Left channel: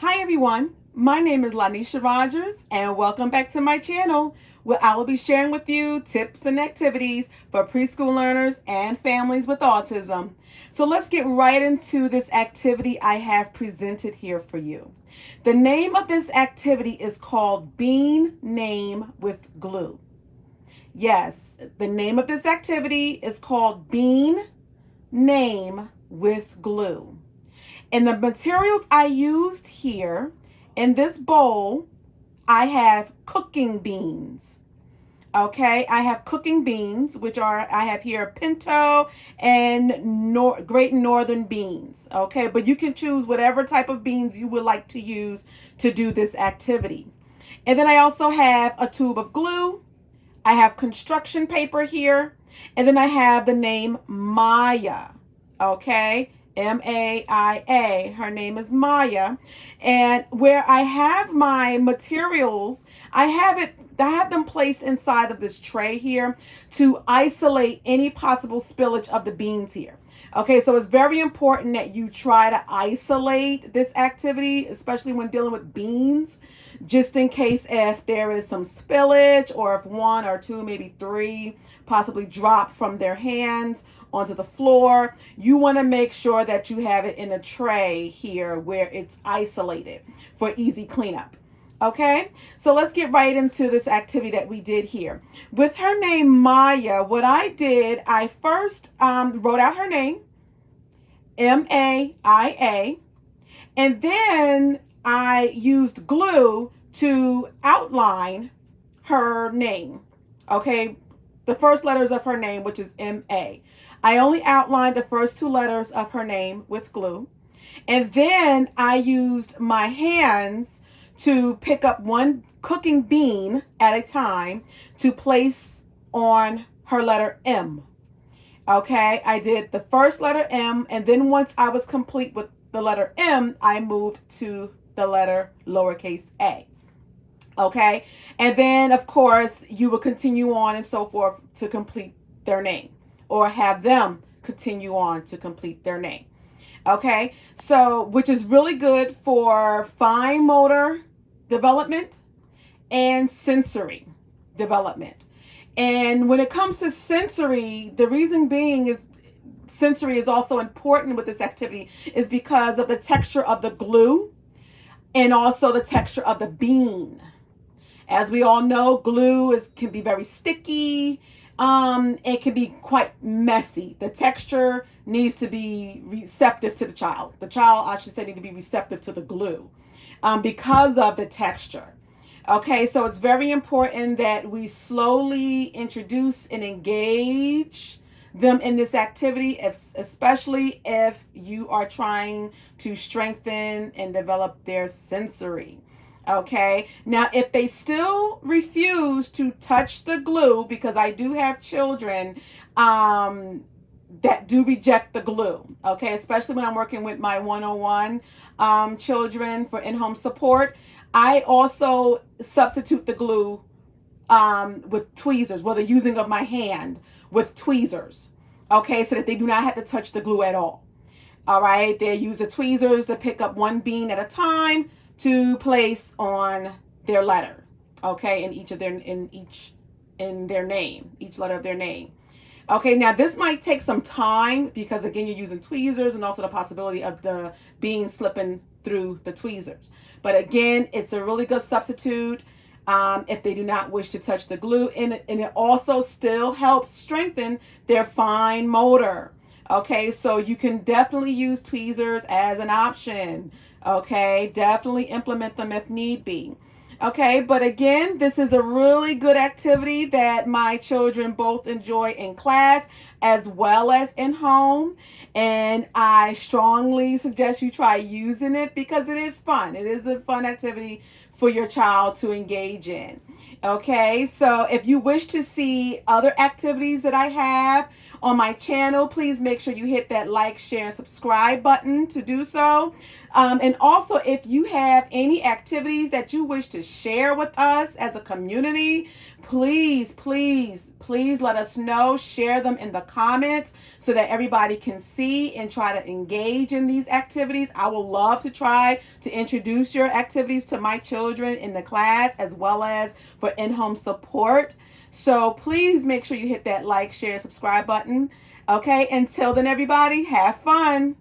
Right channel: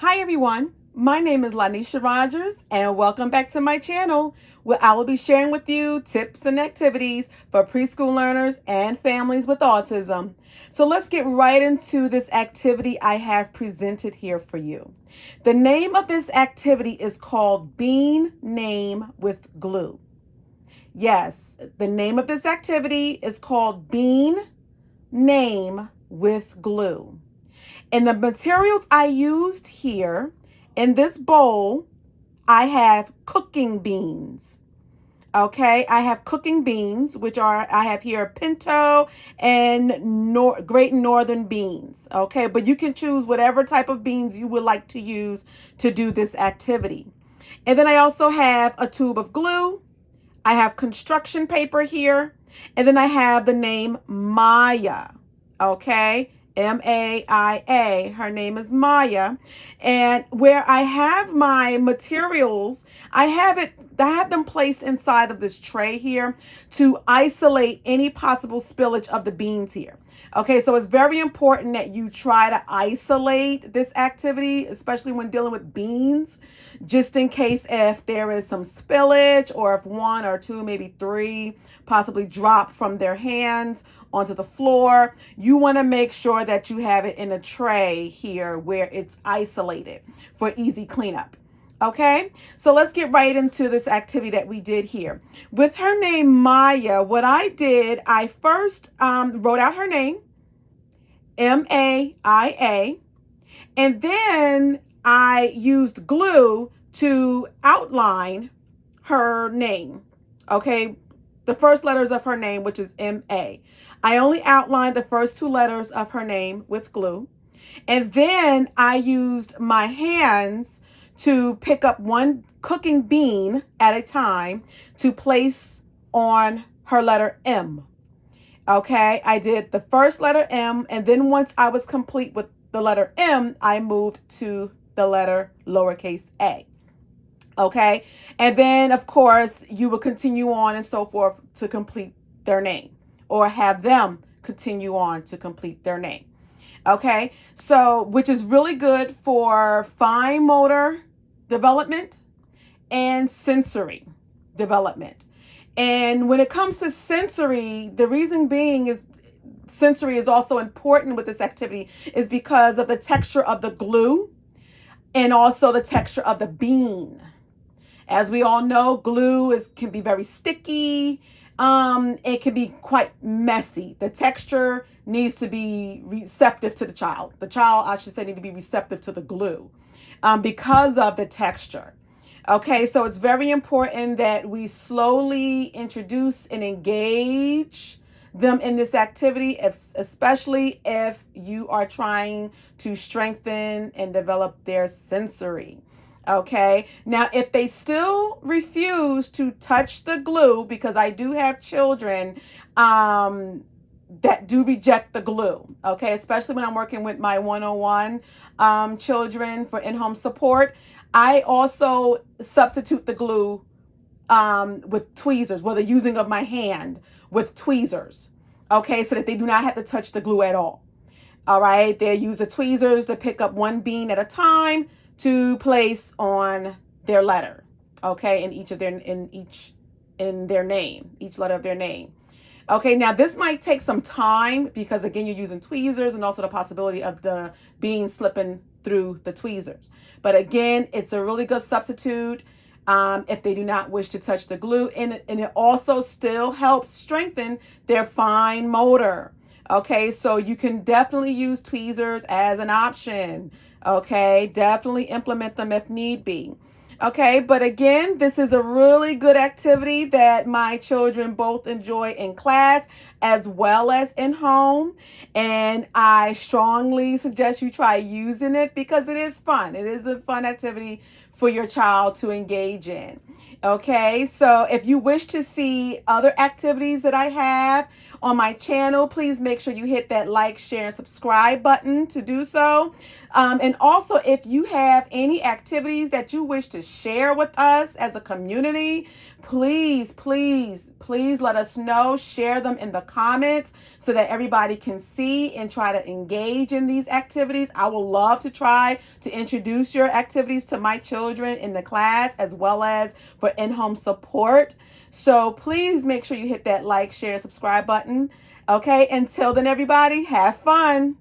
Hi everyone, my name is Lanisha Rogers and welcome back to my channel where I will be sharing with you tips and activities for preschool learners and families with autism. So let's get right into this activity I have presented here for you. The name of this activity is called Bean Name with Glue. Yes, the name of this activity is called Bean Name with Glue. And the materials I used here in this bowl, I have cooking beans. Okay, I have cooking beans, I have here pinto and great northern beans. Okay, but you can choose whatever type of beans you would like to use to do this activity. And then I also have a tube of glue. I have construction paper here. And then I have the name Maya. Okay, Maia. Her name is Maya. And where I have my materials, I have them placed inside of this tray here to isolate any possible spillage of the beans here. Okay, so it's very important that you try to isolate this activity, especially when dealing with beans, just in case if there is some spillage or if one or two, maybe three possibly drop from their hands onto the floor. You want to make sure that you have it in a tray here where it's isolated for easy cleanup. Okay, so let's get right into this activity that we did here. With her name Maya, what I did, I first wrote out her name, Maia, and then I used glue to outline her name. Okay, the first letters of her name, which is M-A. I only outlined the first two letters of her name with glue. And then I used my hands to pick up one cooking bean at a time to place on her letter M. Okay, I did the first letter M, and then once I was complete with the letter M, I moved to the letter lowercase a. Okay, and then of course you will continue on and so forth to complete their name, or have them continue on to complete their name. Okay, so which is really good for fine motor development and sensory development. And when it comes to sensory, the reason being is sensory is also important with this activity is because of the texture of the glue and also the texture of the bean. As we all know, glue can be very sticky. It can be quite messy. The texture needs to be receptive to the child. The child, I should say, need to be receptive to the glue because of the texture. Okay, so it's very important that we slowly introduce and engage them in this activity, especially if you are trying to strengthen and develop their sensory. Okay, now if they still refuse to touch the glue, because I do have children that do reject the glue, okay, especially when I'm working with my 101 children for in-home support, I also substitute the glue with tweezers, whether using of my hand with tweezers, okay, so that they do not have to touch the glue at all. All right, they use the tweezers to pick up one bean at a time to place on their letter, okay, in their name, each letter of their name. Okay, now this might take some time because again, you're using tweezers and also the possibility of the bean slipping through the tweezers. But again, it's a really good substitute if they do not wish to touch the glue, and it also still helps strengthen their fine motor. Okay, so you can definitely use tweezers as an option. Okay, definitely implement them if need be. Okay, but again, this is a really good activity that my children both enjoy in class as well as in home. And I strongly suggest you try using it because it is fun. It is a fun activity for your child to engage in. Okay, so if you wish to see other activities that I have on my channel, please make sure you hit that like, share, and subscribe button to do so. And also, if you have any activities that you wish to share with us as a community, please, please, please let us know. Share them in the comments so that everybody can see and try to engage in these activities. I will love to try to introduce your activities to my children in the class as well as for in-home support. So please make sure you hit that like, share, and subscribe button. Okay, until then, everybody, have fun.